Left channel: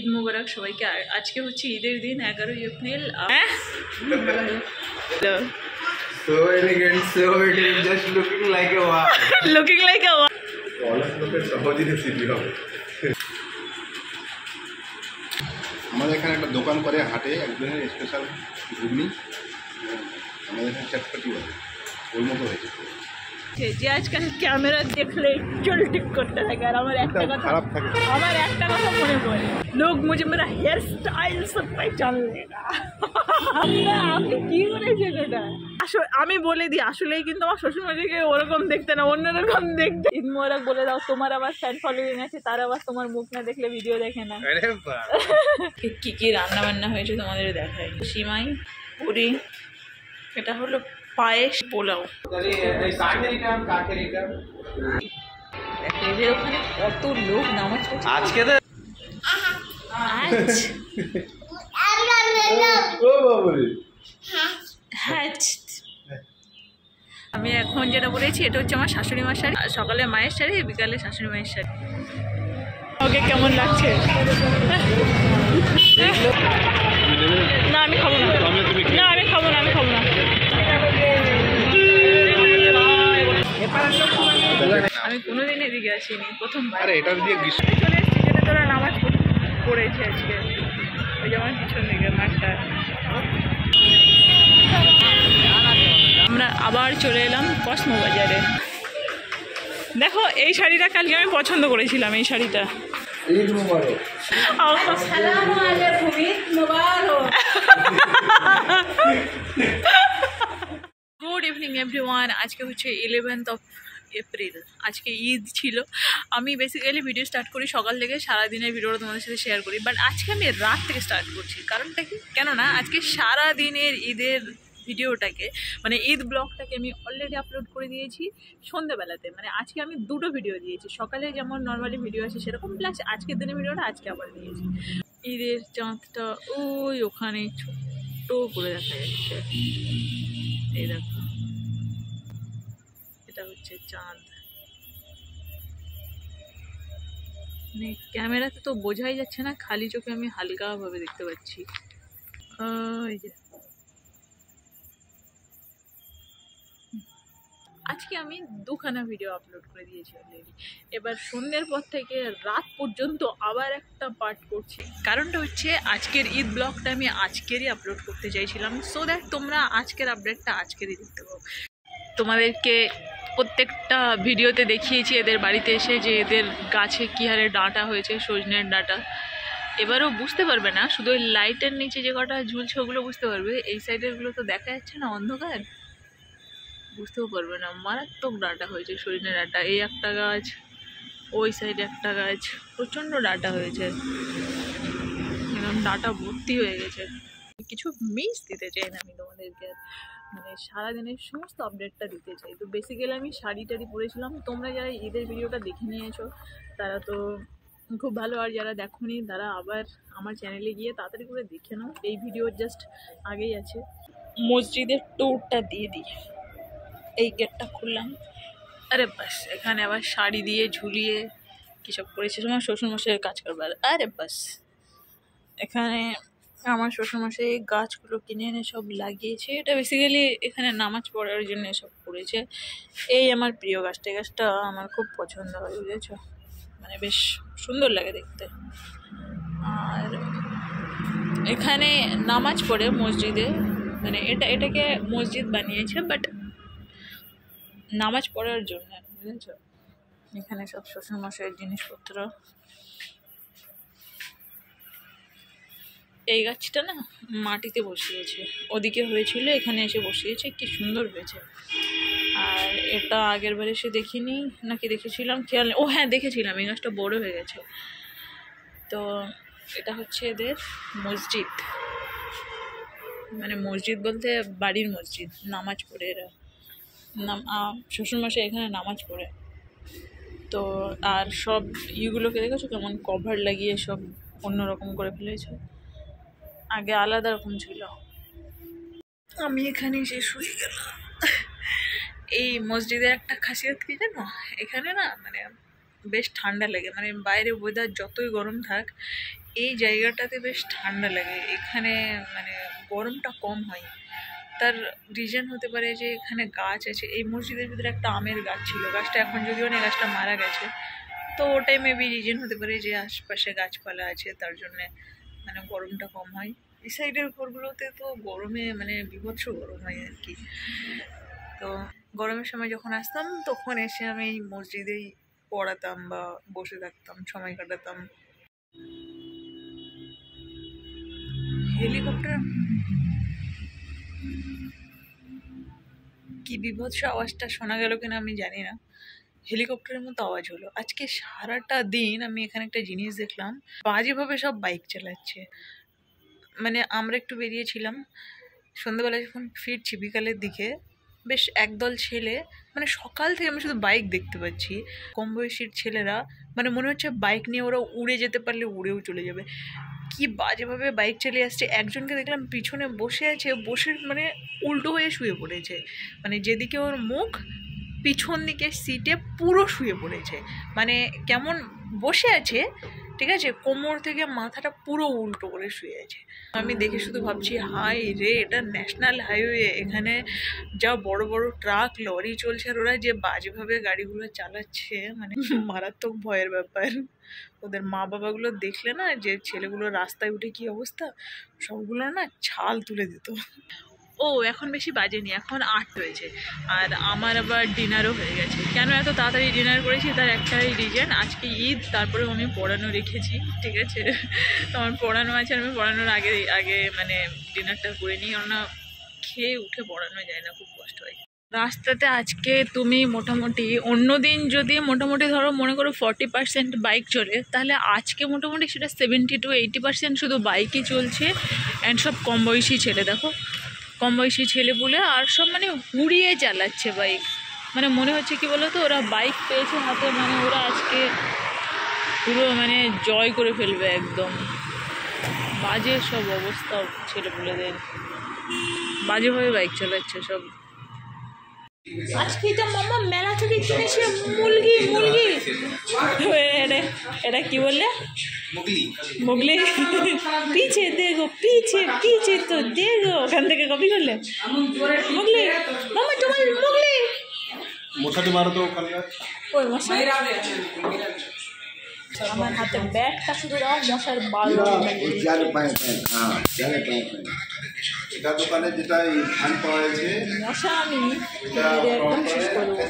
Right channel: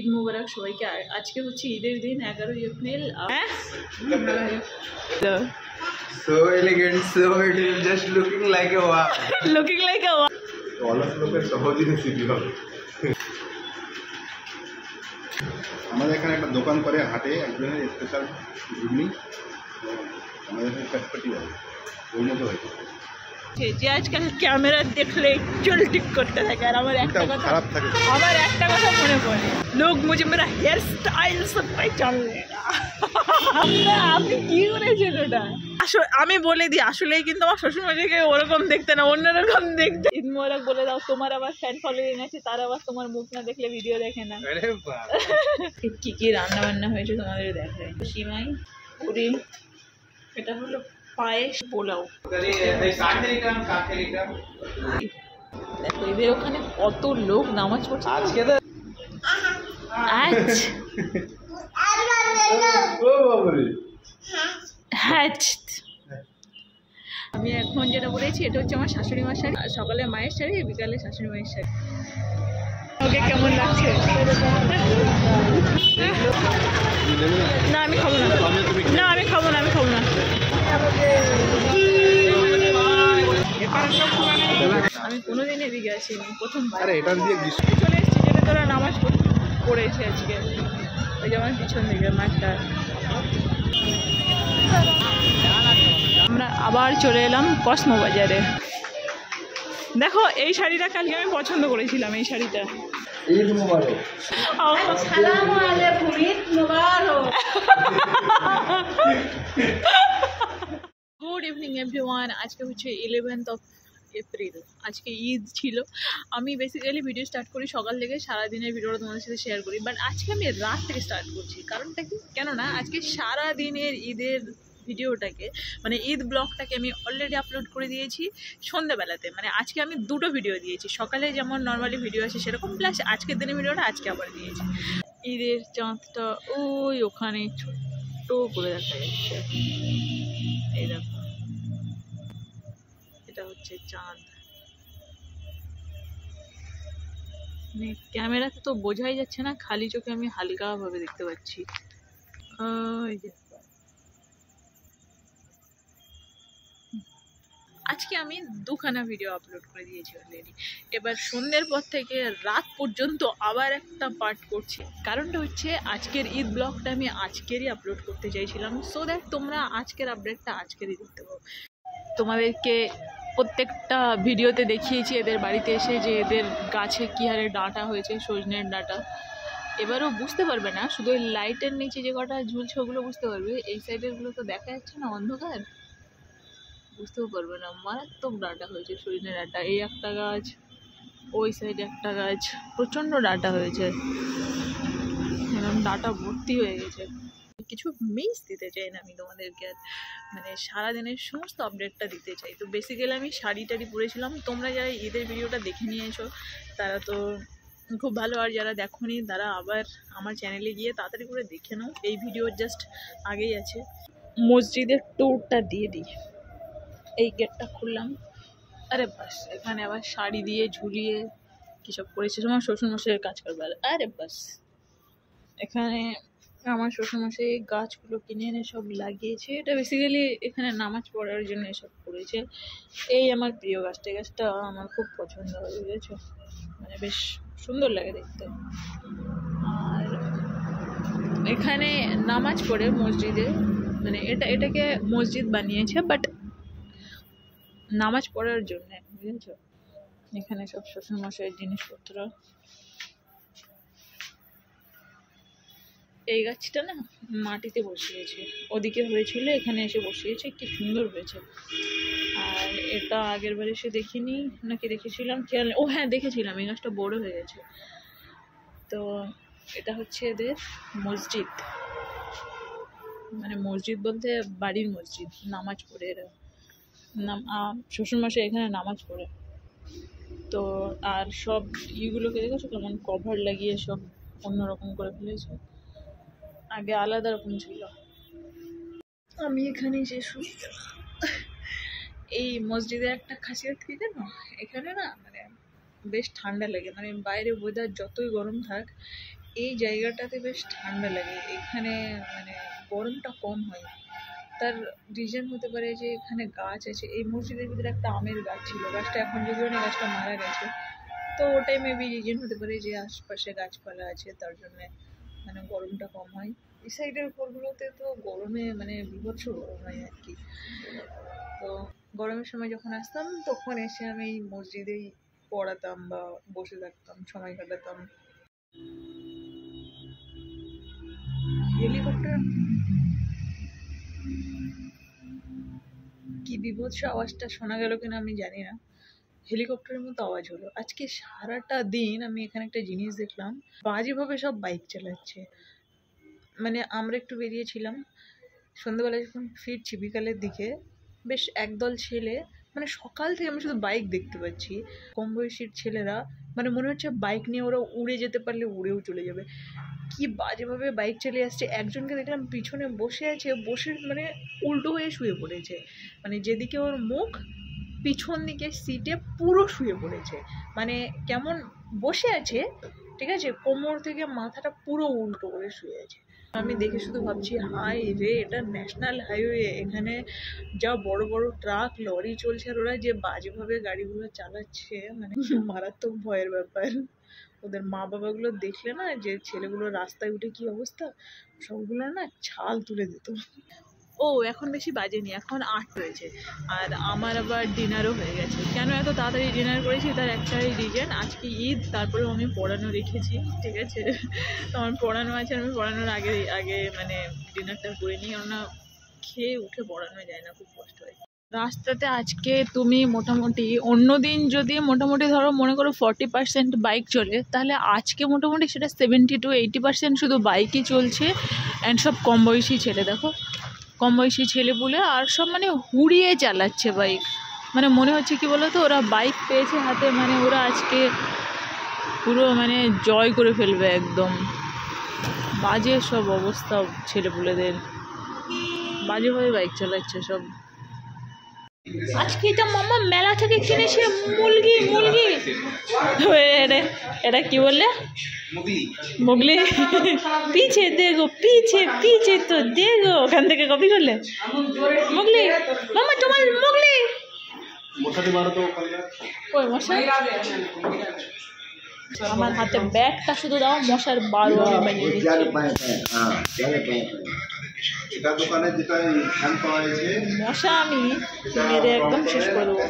ঈদ মুবারক সবাইকে। আজকে হচ্ছে ঈদের দিন 11ই April. So elegant, so it is just looking like a wow. Looking like a wow. অলস লোকের সহজে রেসিপি হবে। আমাদের এখানে একটা দোকান করে হাটে একজনের স্পেশাল ঘুগনি, আমাদের এখানে চটপটি বলে, ওর মতো হয়েছে। যে আজকাল ক্যামেরা দেখলে চুল ঠিক করতে থাকে, আর আমার একটা কথা খারাপ থাকে, আমার একটা কথা মনে পড়ে, লোক মুঝে মেরা হেয়ার স্টাইল সব পহচান লেগা। আপনি কি করেছেন ওটা? আসলে আমি বলে দিই, আসলেই কিন্তু আমার শ্বশুরমশাইকে ওরকম দেখতে না, অন্যরকম দেখতে। ঈদ মোবারক বলে দাও। তোমার আবার ফ্যান ফলোয়িং আছে, তারা আবার তোমার মুখ না দেখলে ভিডিও দেখে না। কি কি রান্না বান্না হয়েছে তোমাদের দেখাই। সিমাই, পুরি, এটা হলো পায়েস, পোলাও। এদের ওখানে কত লোক নামাজ পড়ছে আজকে। তো আমি এখন যেটা বলেছি এটা হচ্ছে আমার শাশুড়ি মার শাড়ি। সকালে মায়ের শাড়ি, বিকালে শাশুড়ি মায়ের শাড়ি। ওকে কেমন লাগছে? না আমি খাবো না, না আমি খাবো না, আমি খাবো না। আমি কোনোদিন এদিকে আসিনি, প্রথমবার চলে এসেছি। যেটা তোরা নামাজ পড়েছে আজকে, ওই যেমন পিছন দিকে মাঠটায়। আমরা আবার চলে এলাম কসমো বাজারে। দেখো এই শাড়িটা কালকে আমি পছন্দ করেছিলাম, এই শাড়িটা। ঈদ মুবারক। আসসালামু আলাইকুম, ঈদ মুবারক। Good evening everyone. আজকে হচ্ছে 11th of এপ্রিল। আজকে ঈদ ছিল। আমি বেসিক্যালি ভিডিও স্টার্ট করি সকাল থেকে, সারাদিনের ভিডিওটা তোমাদের সাথে শেয়ার করি, বাট আজকে আমি রাত থেকে স্টার্ট করছি। কারণটা কি? কেননা আজকে সারাদিনের ঈদের ভিডিওটাকে, মানে ঈদ ব্লগটাকে আমি অলরেডি আপলোড করে দিয়েছি সন্ধ্যাবেলাতে। মানে আজকে আমি দুটো ভিডিও দিয়েছি, সকালে যেমন নর্মালি ভিডিও আছে সেরকম, প্লাস আজকের দিনের ভিডিওটা আজকে আবার দিয়েছি। ঈদের চাঁদটা ওই ওখানে ছোট্ট করে দেখা যাচ্ছে, এই দেখো, এটা হচ্ছে চাঁদ। মানে ক্যামেরাতে তো বোঝাই যাচ্ছে না, খালি চোখে আমি হালকাভাবে দেখতে পাচ্ছি। ওই যে আজকে আমি দুখানা ভিডিও আপলোড করে দিয়েছি অলরেডি। এবার সন্ধ্যের পর থেকে রাত পর্যন্ত আবার একটা পার্ট করছি। কারণটা হচ্ছে আজকের ঈদ ব্লগটা আমি আজকেরই আপলোড করতে চাইছিলাম, সো দ্যাট তোমরা আজকের আপডেটটা আজকেরই দেখতে পাবো। তোমাদেরকে প্রত্যেকটা ভিডিওতে দেখিয়েছি এদের বাড়িতে এসে যে এদের গাছে কী হারে ডাঁটা হয়েছে, সজনের ডাঁটা। এবারও বুঝতে পারবে না, শুধু ওই লাইটের নিচে যে কটা ঝুলছে ওগুলো বুঝতে পারবে, এই সাইডেরগুলো তো দেখা যাচ্ছে না, অন্ধকার, বুঝতেও পারবে না। মারাত্মক ডাঁটা হয়েছে, সজনে ডাঁটা। এই একটা গাছ, ওই সাইডে একটা গাছ, প্রচণ্ড ডাঁটা হয়েছে, একদম ডাঁটা ভর্তি হয়ে গেছে। কিছু মিস দিতে চাই না আমি তোমাদেরকে, মানে সারাদিনের সমস্ত আপডেটটা দিতে চাই। তো বেসিক্যালি আমি শাড়ি টাড়ি পরেছিলাম। তোমরা যারা ঈদের ভিডিওটা দেখে নিয়েছো তারা তো খুব ভালো, আর যারা দেখোনি তারা আবার আমার চ্যানেলে গিয়ে তাড়াতাড়ি করে দেখে নাও, এই ভিডিও জাস্ট আগেই আছে। মসজিদের ট্যুরটা দিয়ে দিই। এই গেটটা খুললাম, আরে বাস, এখানে আবার শাড়ি দিয়ে ঝুলিয়ে কী সব করেছে তোমার শ্বশুরমশাইয়ের কাজ করবার। আরে বাস, এখানে আমার শ্বশুরমশাই গাছগুলো কিনে এনে সব লাগিয়েছে। এটা বেসিক্যালি এখানে নামাজ পড়ার জন্য সব করেছে। এই আমার প্রিয় গাছটা, এই গাছটা আমার খুব পছন্দ হয়, বুঝেছো, মানে বেশ সুন্দর লাগে দেখতে। আর এখানে নামাজ পড়ে মসজিদে, মানে এটাকে মসজিদ বানিয়েছে বাট নামাজ পড়ার জন্য, বুঝেছো। এখানে সব শ্বশুরমশাইয়ের জিনিসপত্র। এই গাছটা না মাটিতে বসিয়েছে, ওদিকে হয়েছিল, এখানে এসে বসিয়েছে, কি সুন্দর হয়েছে। আর এটা আগের বার এসে দেখিনি নাকি দেখেছিলাম খেয়াল, ও হ্যাঁ দেখেছিলাম, এই গাছটা বড় হয়ে গেছে। তো এটা হচ্ছে এদের মসজিদ, মানে মসজিদ বলতে বাড়ির মসজিদ, নামাজ পড়ে এরা। শ্বশুরমশাই এখানে নামাজ পড়ে। তো আর সব ইগুলোকে দেখেছো কেমন কভার লাগিয়ে সব অন্যরকম করে ফেলেছে, আগে আলাদা রকম ছিল। আমি এখানে এসে শুয়ে গেলাম। এই মসজিদের একটা খাসিয়ত কি জানো, এখানে না মানে বেশ ঠান্ডা লাগে, মানে বাইরে ওয়েদার যতই গরম থাক এই জায়গাটাতে বেশ ঠান্ডা লাগে। এখানে মানে গরমটা কম হয়। তার রিজন হতে পারে যে এখানে গাছ আছে। এই মসজিদের ভিতরে একটা আমের গাছ ছিল, গাছটা এখন যদিও না, গাছটা মারা গেছে। তো ওটাই মেবি রিজন হতে পারে যে আশপাশে গাছপালা আছে, তার জন্যে মানে গরমটা কম হয়। এই সাইডের ঘরগুলোতে তো গরমে মানে বিভৎস গরম হয় আর কি। তো গরমের সময় যখন আসতাম তখন এসে আমি এই মসজিদেই পড়াতাম বা বসে থাকতাম, সময় কাটাতাম। হেলিকপ্টার কি বিভৎস আওয়াজটা শোনা গেল কিনা আমি জানি না, হেলিকপ্টারের মতো আওয়াজ হলো। আজকে সারাটা দিন আমি এখানে একটা জিনিস দেখলাম, বাজেভাবে সব বাইক চালাচ্ছে। মানে আমরা একটু বেরিয়েছিলাম সন্ধ্যাবেলা, যখন ফিরছি বিকালের দিকে, বেশ একদল ছেলে, মানে সকাল থেকে আমি শুধু বাইক দেখতে পাচ্ছি। কম বয়সীর ছেলেরা, মানে মনে হচ্ছে বাইক নিয়ে ওরা উড়ে যেতে পারলে উড়েও চলে যাবে। কি বাজেভাবে বাইক চালিয়ে আসছে। একজনকে দেখলাম পিছনে বসে আছে, বসে মানে উল্টো হয়ে শুয়ে পড়েছে, মানে যেদিকে ওর মুখ পিছন দিকে সিটে পুরো শুয়ে পড়েছে। মানে কেমন বসে আছে, ঠিক আছে, কোমর থেকে মাথাটা পুরো উল্টো করে শুয়ে আছে। আমি দেখে শুধু ভাবছি, হাই রে, এটা ন্যাশনাল হাইওয়ে, এখানে যা বড় বড় ট্রাক লরি চলছে, আর ওরা যে বাজেভাবে গাড়িগুলো চালাচ্ছে, মানে মারাত্মক ভয়ের ব্যাপার। ওদের মা বাবাগুলো দেখলে না, যে ছেলেগুলো রাস্তায় উঠে কি অবস্থা, সবগুলো না ছাল তুলে দিত। ও এখন বেশি বাজেনি, এখন 8 হয়েছে, আর আমার আবার ডিনারও হয়ে গেছে। কেন এত তাড়াতাড়ি ডিনার করেছি তার একটাই রিজন, আজকে ঈদ, তারপরে আমি পড়ানো রেখেছি, ঠিক আছে। তো আমার পড়ানো আছে, আমি পড়ানোর আগে আগে মানে ডিনারটা করে নিই, কেননা খেয়ে উঠে পড়ানো যায় না, খুব কষ্ট হয়। রাস্তাতে আজকে তুমি মোটামুটি, অন্য দিন যদি মোটামুটি ধরো মনে করো 40% বাইক চলে, তাহলে আজকে মোটামুটি সেটা 70 to 80% শুধু বাইকই চলছে। অ্যান্ড সব কম বয়সী ছেলে, দেখো কম বয়সী ছেলে বলে, আর সব মানে হুড়িয়ে চালাচ্ছে বাইক। মানে মনে হচ্ছে কি বলো তো, ওরা বাইক পেয়েছে হাতে, মানে ওরা আজকে পুরো মানে জয় করে ফেলবে একদম। বাজে সব অবস্থা ছেলেপুলেদের, বাজেভাবে বাইক চালাচ্ছে সব। আজকে তো মামা মেলা থেকে কিনেছে মুরগি, এটা কি বললে? মুগলি। পিছে দেখো, পিছে তো দেখো, ওখান থেকে কপি করলে মুগলি। মামা তোমার মুগলি, ওই মশাই আমার হাতে ব্যাগটা শুধু দাও, মশার বাল দোকানে যেটা ধান পাওয়া গেছে, মশা আমি একদম শেষ করবো।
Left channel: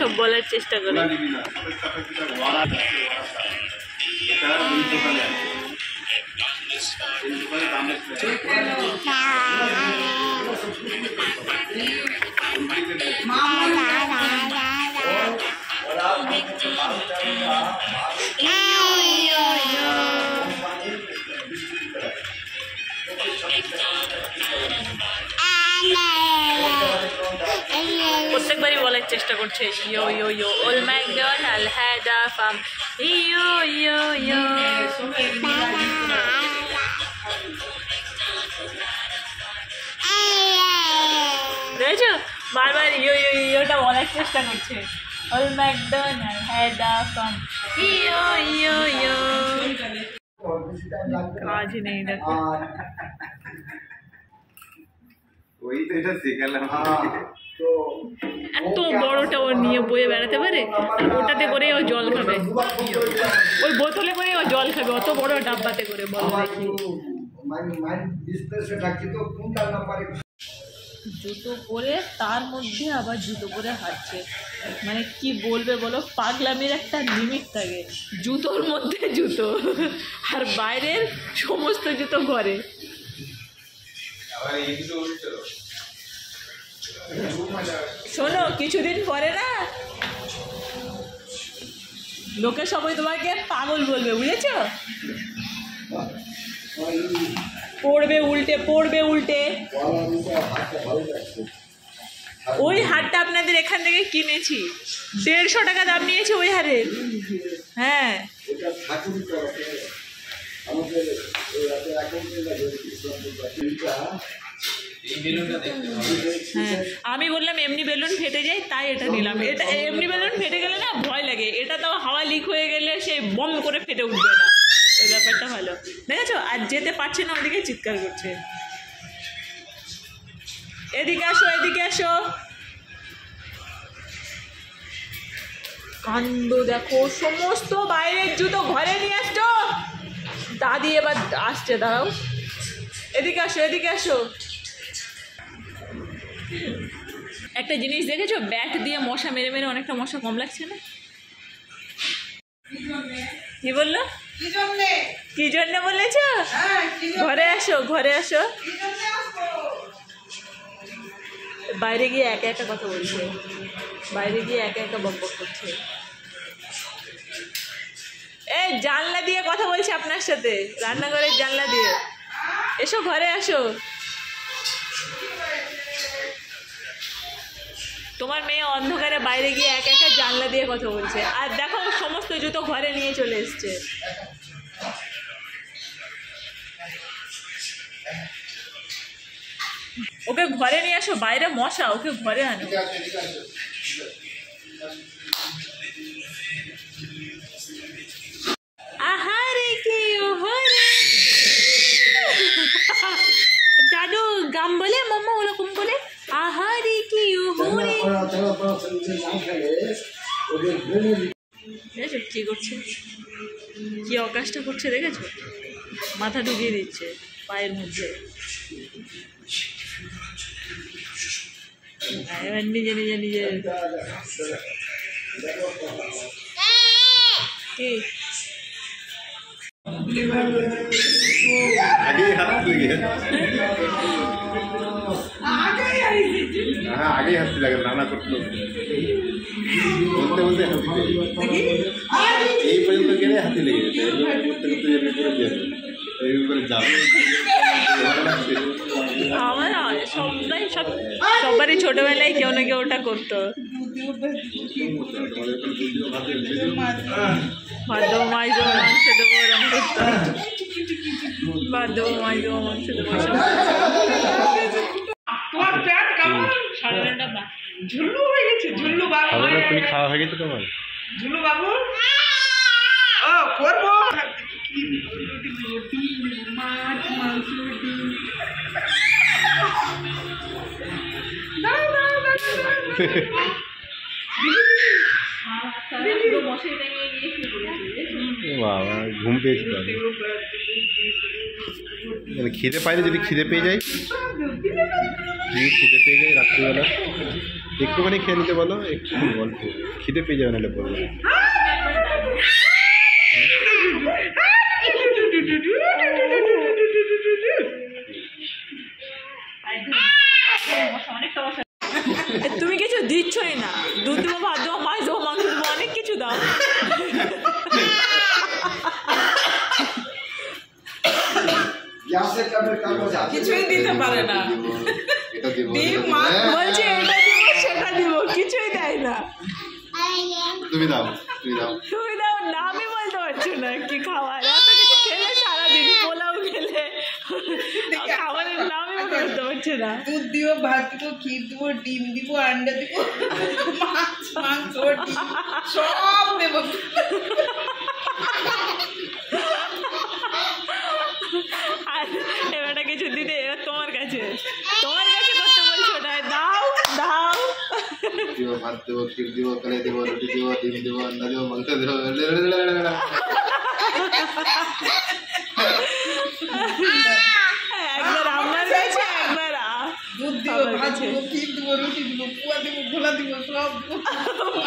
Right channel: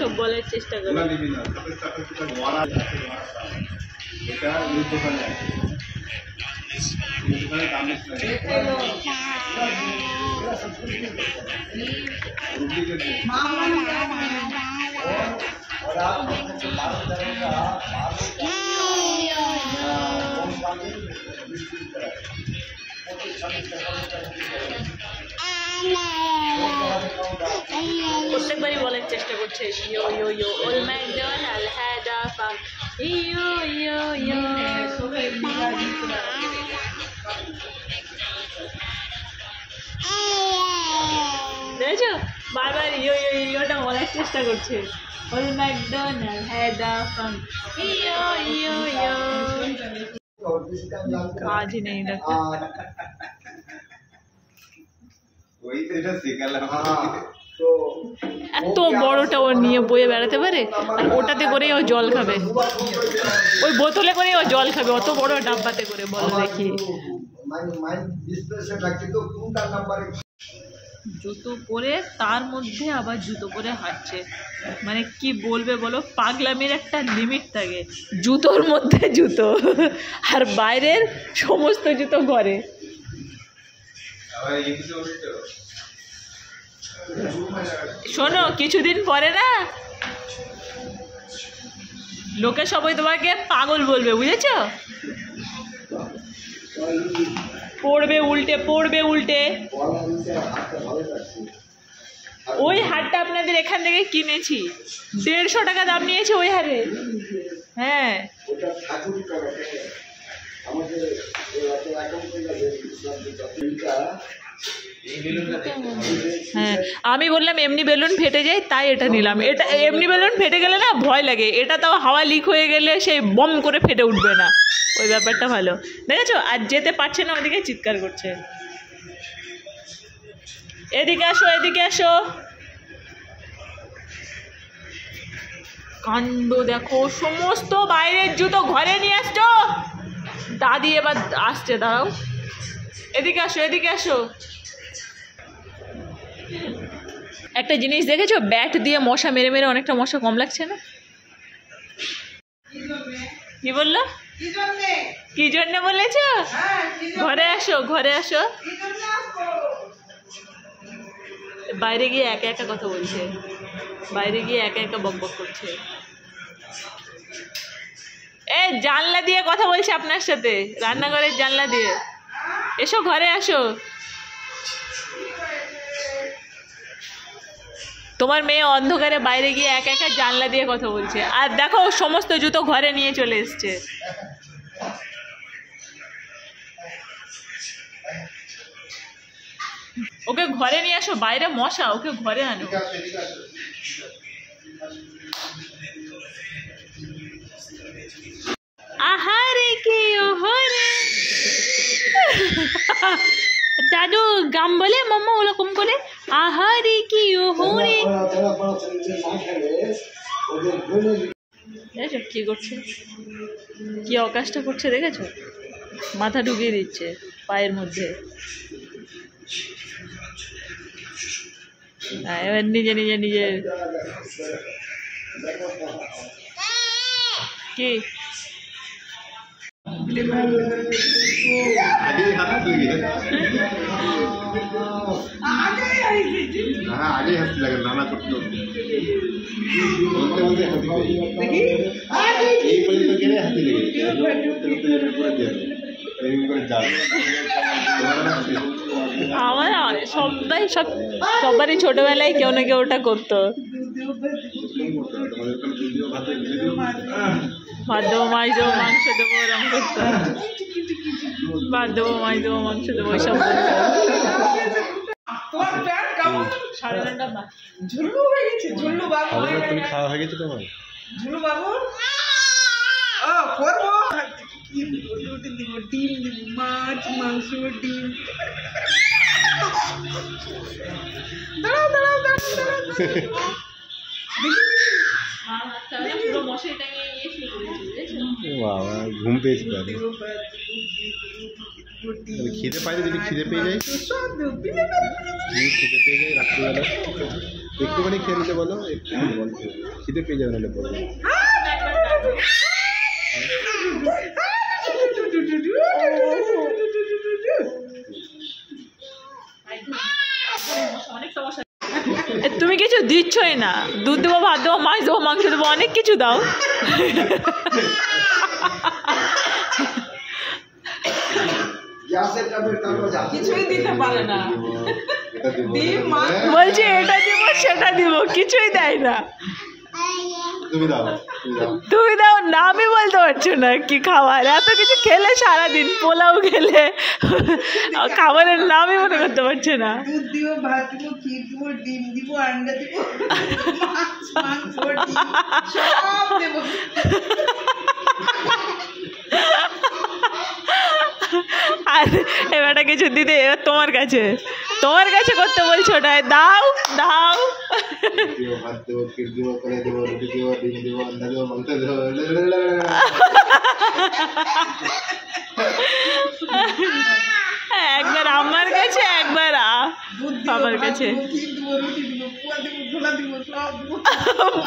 সব বলার চেষ্টা করে। প্রত্যেকবারই বলার চেষ্টা করছে, ইয়ো ইয়ো ইয়ো ওল ম্যাকডোনাল্ড হ্যাড আ ফার্ম, ইয়ো ইয়ো ইয়ো। দেখেছো, বারবার ইয়ো ইয়ো ইয়োটা বলার চেষ্টা করছে। ওল ম্যাকডোনাল্ড হ্যাড আ ফার্ম, ইয়ো ইয়ো ইয়ো। কাজ নেই দেখো, এত বড়টা ও নিয়ে বয়ে বেড়াতে পারে, আর ওটাতে করে ও জল খাবে, ওই বোতলে করে ও জল খাবে, অত বড় ডাব্বাতে করে, বলো দেখি। জুতো পরে, তার মধ্যে আবার জুতো পরে হাঁটছে, মানে কি বলবে বলো, পাগলামির একটা লিমিট থাকে। জুতোর মধ্যে জুতো, আর বাইরের সমস্ত জুতো ঘরে। শোনো, কিছুদিন পরে না লোকে সবাই তোমাকে পাগল বলবে, বুঝেছো? পড়বে উল্টে, পড়বে উল্টে। ওই হারটা আপনাদের এখান থেকে কিনেছি, 150 টাকা দাম নিয়েছে ওই হারের। হ্যাঁ হ্যাঁ, আমি বললাম এমনি বেলুন ফেটে যায় তাই এটা নিলাম। এটা এমনি বেলুন ফেটে গেলে না ভয় লাগে, এটা তাও হাওয়া লিক হয়ে গেলে সেই বম করে ফেটে উঠবে না, ওই ব্যাপারটা ভালো। দেখেছো, আর যেতে পারছে না, ওদিকে চিৎকার করছে। এদিকে আসো, এদিকে আসো। কাণ্ড দেখো, সমস্ত বাইরের জুতো ঘরে নিয়ে আসছো। দাদি এবার আসছে, দাঁড়াও। এদিকে আসো, এদিকে আসো। একটা জিনিস দেখেছো, ব্যাট দিয়ে মশা মেরে মেরে অনেকটা মশা কম লাগছে না? কি বললো? কি জন্য বলেছ? ঘরে আসো, ঘরে আসো। বাইরে গিয়ে একা একা কথা বলছে, বাইরে গিয়ে একা একা বক বক করছে। এই জানলা দিয়ে কথা বলছে আপনার সাথে, রান্নাঘরের জানলা দিয়ে। এসো, ঘরে আসো। তোমার মেয়ে অন্ধকারে বাইরে গিয়ে একা একা জানলা দিয়ে কথা বলছে, আর দেখো সমস্ত জুতো ঘরে নিয়ে চলে এসছে। ওকে ঘরে নিয়ে আসো, বাইরে মশা, ওকে ঘরে আনো। আহারে কে ওহরে দাদু গাম বলে, মাম্মা ওরকম করে আহারে কি ওহরে। দেখেছো কি করছে, কি অকাশটা করছে, দেখেছো? মাথা ঢুকিয়ে দিচ্ছে পায়ের মধ্যে। এবার নিজে নিজে নিজে কি আগে হাত লেগে হাসতে লাগে, নানা করতে বলতে বলতে হাতি এই পর্যন্ত গেলে হাতি লেগে করতে করতে যাবে করে যাবে, এরকম করে যাবে। আমার সবাই সবারই ছোটবেলায় কেউ না কেউ ওটা করতো। ভাত দেবো, মাছ দেবো, মাংস দেবো, ওরম করতো। ভাত দেবো, মাছ দেবো, মাংস দেবো, সব। 9:30 ঝুল্লু হয়ে গেছে, ঝুল্লু বাবু। তুমি খাওয়া হয়ে গেছে তোমার? ঝুল্লু বাবু ও করবো ডিম দেবো, মাছ, মাংস, ডিম। বাবা ঘুম পেয়েছি, খিদে পাইলে, যদি খিদে পেয়ে যায়, যদি খিদে পেয়ে যায় রাত্রিবেলা একটুখানি খেয়ে নিতে বলো, একটুখানি গল্প, খিদে পেয়ে যাবে, নাহলে বলো। তুমি কিছু দিচ্ছই না, দুধ দেবো, ভাত দেবো, মাছ দেবো, মাংস দেবো, অনেক কিছু দাও। কিছুই দিতে পারে না, বলছে এটা দিব সেটা দিব, কিছুই দেয় না। তুমি দাও, তুমি দাও, তুমি দাও, নামই বলতে পারছো না কি খাবার। এত কিছু খেলে সারাদিন, পোলাও খেলে, খাবারের নামই মনে করতে পারছো না। দুধ দিব, ভাত দিব, ক্ষীর দিব, ডিম দিব, আন্ডা দিব, মাছ, মাংস, ডিম সব দেব। আর এবারটা কিছু দিতে, এবার তোমার কাছে করতে বলছো না, দাও দাও। দিব, ভাত দেবো, ক্ষীর দিব, কলে দেবো, রুটি দিব, ডিম দিব, আন্ডা দেবো, মাংস দেবো। একবার আমার কাছে, একবার দুধ দিব, আমার ভাত কাছে। দিব, ক্ষীর দিব, রুটি দিব, পুয়া দিব, গোলা দিব, সব দিব।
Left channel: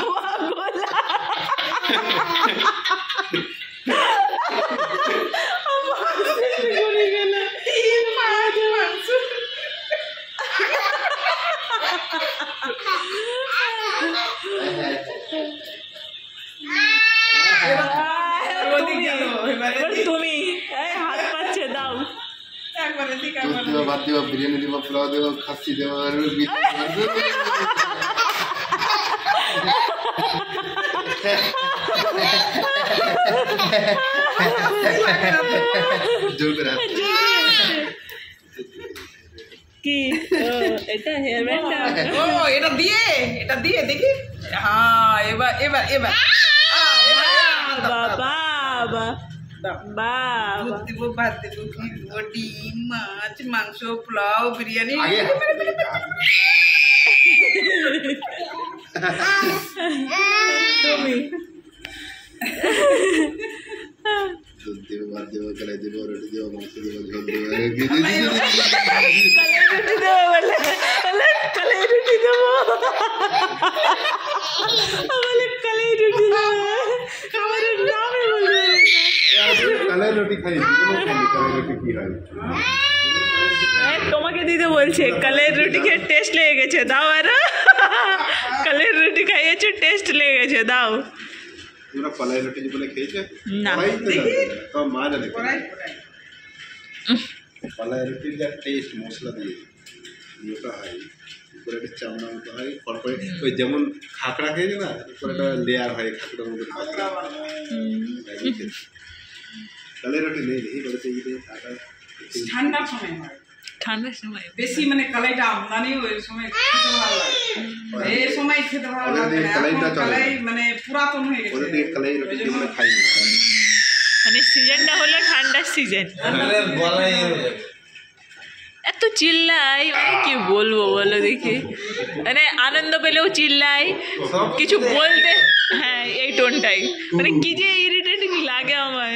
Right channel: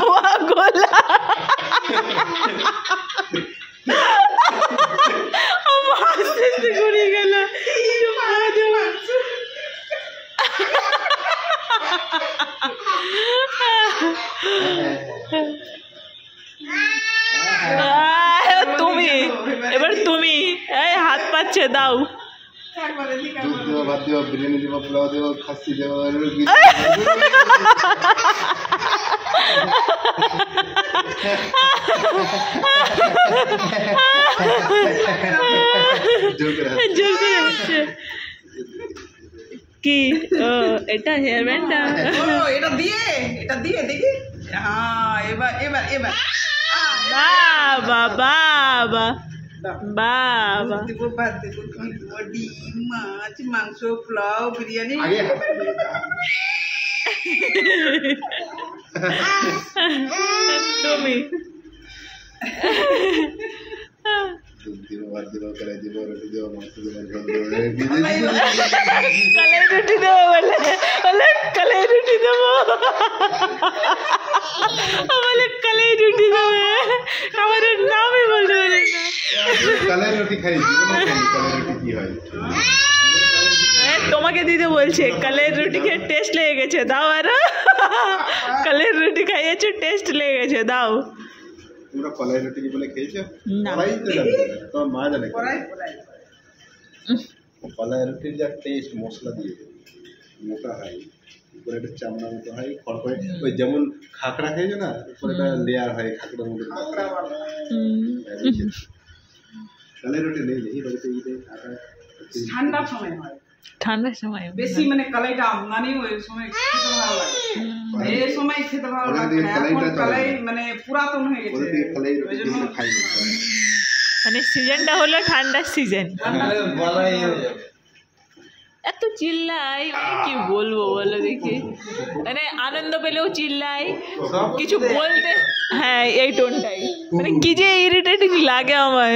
পোয়া গোলা, ঘুরে গেল। তুমি, এবার তুমি, এই হাত পাচ্ছে, দাও। একবার বেশি দুধ খাবো দেবো, ভাত দেবো, বিরিয়ানি দেবো, পোলাও দেবো, খাসি দেবো, জোর করে হাসছে। কি এটা হেয়ার ব্যান্ডটা? ও এটা দিয়ে দেখি হ্যাঁ এবার এবার এবার বাবা বাবা বাবা দুধ দেবো ভাত দেবো ঘি দেবো ডিম মাছ মাংস পোলাও বিরিয়ানি আগে তুমি দুধ দেবো, ভাত দেবো, কলাই দেবো, রুটি দেবো, মাংস দেবো, ঝোল দেবো, কলাই রুটি দেবো বলে কলাই রুটি দেবো বলে কলাই রুটি দেবে আমার নামই বলতে পারি না। কালাই রুটি খাই, কালাই রুটি কি হয়? তোমাকে দিতে বলছে কলাই রুটি খেয়ে টেস্ট লেগে গেছে দাও আরো কলাই রুটি খাইয়েছো টেস্ট লেগে গেছে দাও। তোমরা কলাই রুটি বলে খেয়েছো? না। কলাই তো জানে, তোমার মা জানে কড়াই কলাই রুটির যা টেস্ট মশলা দিয়ে মোটা হয়, উপরে একটা চামড়া মতো হয়, খড়খড়ে ওই যেমন খাকড়া খেয়েছে না, উপরে একটা লেয়ার হয় খাকড়ার মতো। কলাই রুটি নেই নেই বলতে ঠান্ডার সময় হয় ঠান্ডার সময় বেশি মানে কলাইটা আমদানি ওই সময় খেতে ভালো লাগে এই সময় খেতে ভালো লাগে না এখন কলাই মানে পুরাতন হয়ে গেছে ওদের কলাই রুটি যেগুলো খাই মানে সিজনটা হলো ঠান্ডার সিজন। এত চিল্লাই মানে কি বলবো বলো দেখি, মানে আনন্দ পেলেও চিল্লাই কিছু বলতে, হ্যাঁ এই টোনটাই মানে কি যে ইরিটেটিং লাগে আমার।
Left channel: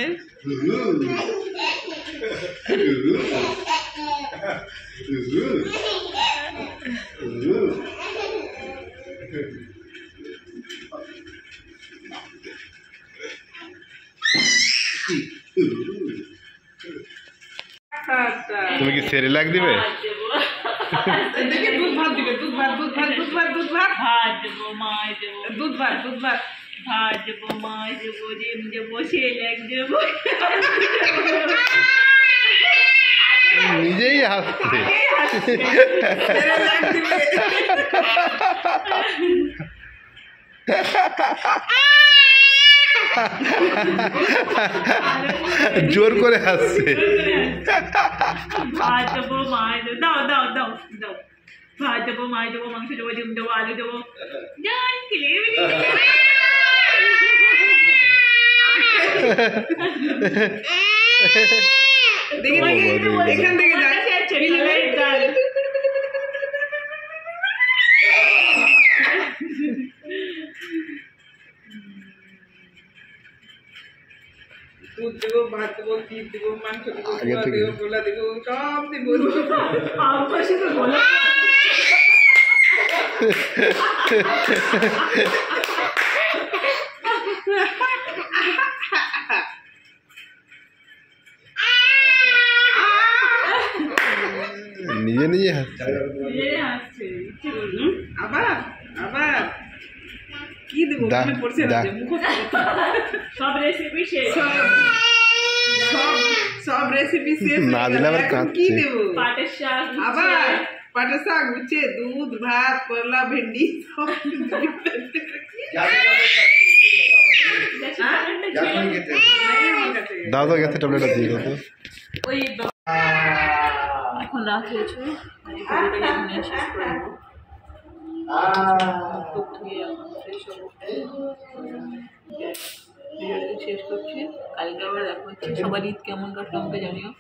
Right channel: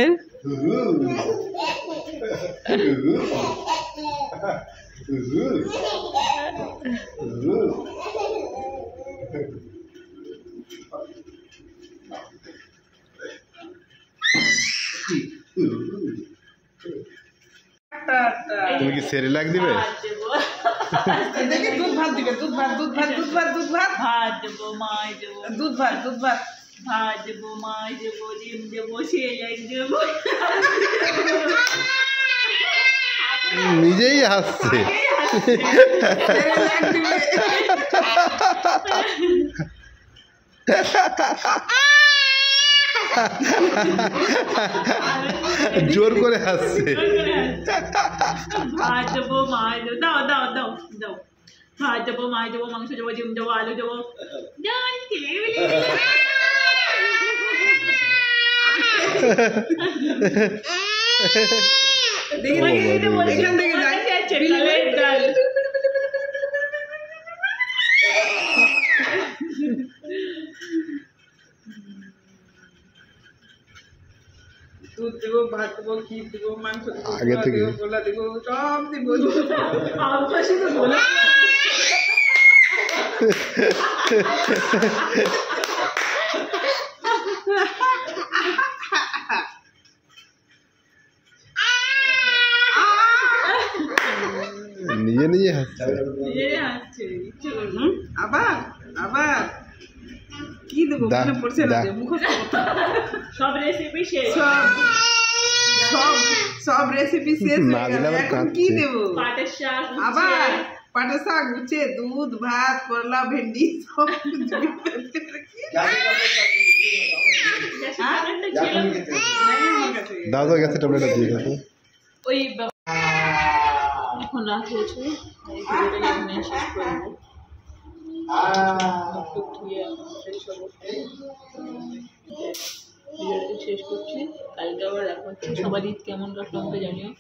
তুমি কি সেরিলাক দিবে? দেখি দুধ ভাত দিবে দুধ ভাত দুধ ভাত দুধ ভাত দুধ ভাত ভাত দেবো মাছ দেবো দুধ ভাত দুধ ভাত ভাত দেবো মাছ দেবো ডিম দেবো সেলেক দেবো। নিজেই হাসছে। জোর করে হাসছে। ভাত দেবো মাছ দেবো, দাও দাও দাও দাও, ভাত দেবো মাছ দেবো মাংস দেবো ডিম দেবো আলু দেবো। এখান থেকে দুধ দেবো ভাত দেবো ঘি দেবো মাংস দেবো আগে থেকে। দেবো গোলা দেবো সব দেবো নিজে নিজে হাসছে। আবার আবার কি দেবো দা- মনে পড়ছে না দা- যে মুখস্থ করতে হবে। সব রেসিপি শেষ, সব সব সব রেসিপি শেষ না হয়ে দিলে গেল। আবার এখন কি কাঁদছে। দেবো পাটের শাক আবার পাটের শাক উচ্ছে দুধ ভাত করলা ভেন্ডি সব কিছু দাও তো গেছে ট্যাবলেটটা দিয়ে দাও তো। ওই এখন রাত হয়েছে, এই ভিডিওটা এখানে শেষ করে দেবো। মুখ টুক ধুয়ে এখন ফ্রেশ হবো, ভিডিওটা শেষ করছি। কালকে আবার দেখা হচ্ছে। সবার ঈদ কেমন কাটলো আমাকে জানিও।